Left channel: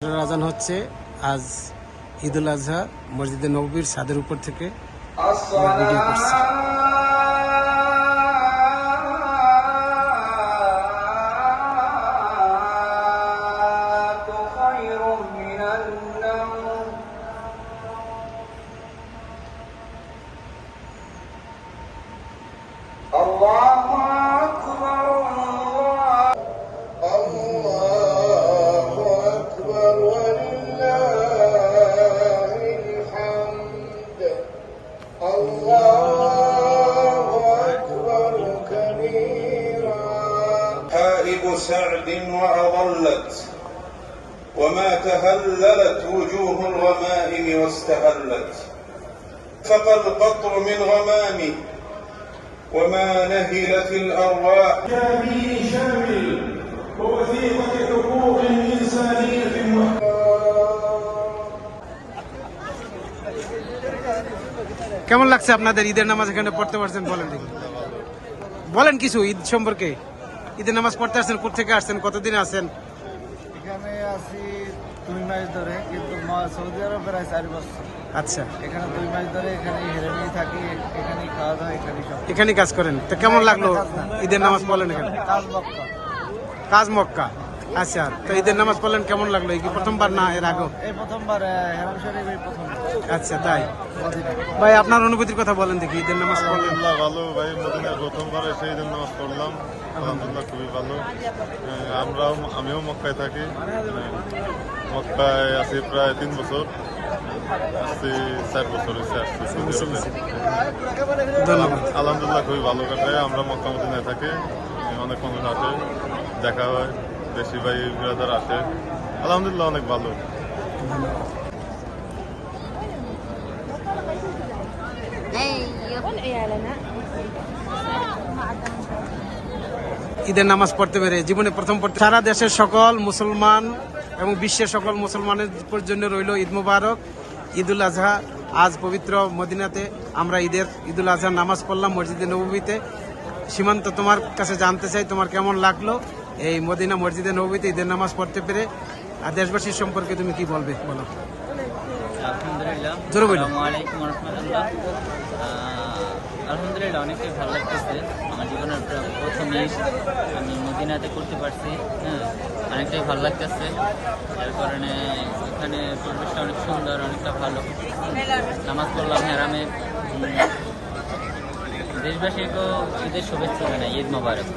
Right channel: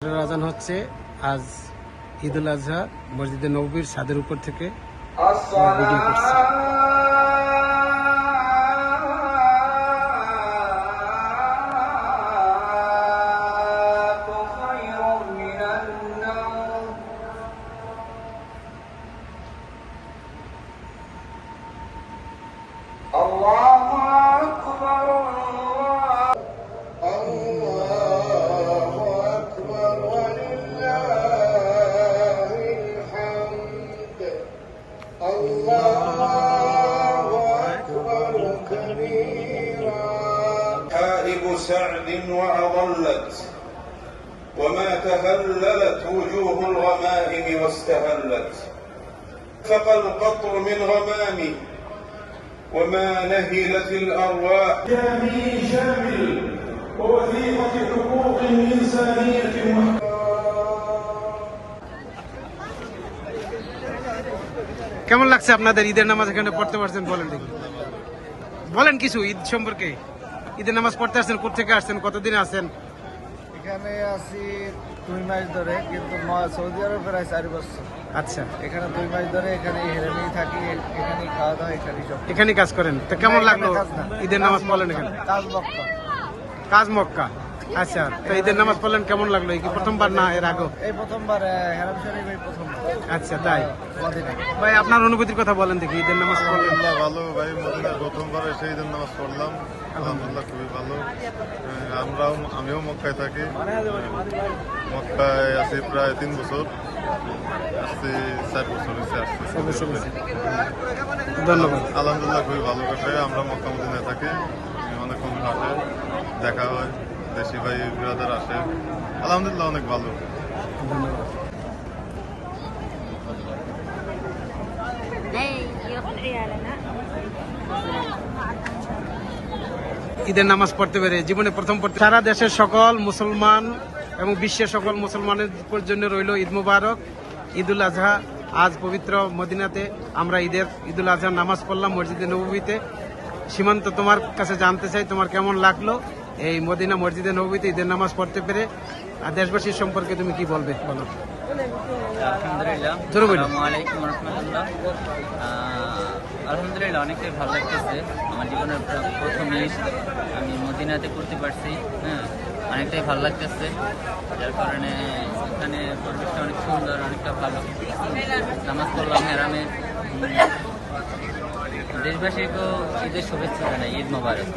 আজান হচ্ছে। আজ ঈদুল আজহা মসজিদে নববীর ছাদের উপর থেকে আমরা ভিডিও করছি। حائب سعد وأضلت وما تهللت وجوه الغمائم واستهلت فقى القطر من غمام وما نهلت الأرواح جامي شامل ووثيقة حقوق إنسانية কেমন লাগছে আপনাদের ঈদের নামাজ এখানে পড়তে পারছেন? বলেন দেখি, বলেন কিছু ঈদ সম্পর্কে। ঈদের নামাজ পড়তে আসছেন, কোথেকে আসছেন, কতদিন আছেন? এখানে আছি 2 মাস ধরে, কিন্তু সৌদি আরব প্রায় 4 বছর। আচ্ছা, এখানে 2 মাস ধরে এখানে হেরেমেই থাকি, এখানেই খাওয়া দাওয়া, এখানেই সব। এখানেই কাজ করেন। তো কেমন লাগলো ঈদের নামাজ পড়লেন এখানে? কাজ মক্কা। কাজ মক্কা। আচ্ছা, তো ঈদের নামাজ পড়লেন, কেমন লাগলো? এই কি প্রথমবার না এর আগে? এই প্রথমবার হেরাম শরীফ, এই প্রথমবার। আচ্ছা, তাই মদিনায়। ভাই আপনার অনুভূতির কথা বলেন দেখি, ঈদের নামাজ পড়লেন। আলহামদুলিল্লাহ ভালো ভাই, মদিনায় প্রথমবার এসে ঈদের নামাজ পড়লাম। আলহামদুলিল্লাহ খুবই ভালো। আমিও মক্কায় থাকি, মক্কায় আছি প্রায় 3 বছর, আসছি 4 বছর হয়েছে আসছি। ধন্যবাদ। আলহামদুলিল্লাহ খুবই ভালো কাটায়। আমরা মক্কা মদিনায় থাকি, অনেক মানুষ আসে, দেখা হয়, দেশি ভাই ব্রাদার আসে। আলহামদুলিল্লাহ অনেক ভালো। ধন্যবাদ। ঈদের নামাজ পড়তে পেরে জীবনে প্রথম পড়তে, সারা দেশের সকল মুসলমান এবং বিশ্বের সকল মুসলমানের জন্য রইল ঈদ মুবারক, ঈদুল আজহা। আজ পবিত্র মদিনাতে আমরা ঈদুল আজহা নামাজ পড়লাম মসজিদে নববীতে। সীমান্ত, তোমার কাছে জানতে চাই তোমার কেমন লাগলো এই মদিনা মসজিদে নববীতে ঈদের নামাজ পড়তে পেরে, আর দেশবাসীর সম্পর্কে তুমি কি বলবে, বলো। আলহামদুলিল্লাহ, জোরে বলো। আসসালামু আলাইকুম ওয়া রাহমাতুল্লাহ। আলহামদুলিল্লাহ, অনেকটাই ভালো লাগতেছে। আমার জীবনের প্রথম ঈদ আমি মদিনাতে করতে পারছি। অনেকটাই ভালো লাগতেছে, যার কারণে এখানে পরিবেশটা অনেক সুন্দর, অনেকটা ভালো। নামাজ পড়লাম হেরামে। দেশবাসীকেও ঈদের শুভেচ্ছা জানাই, ঈদ মোবারক।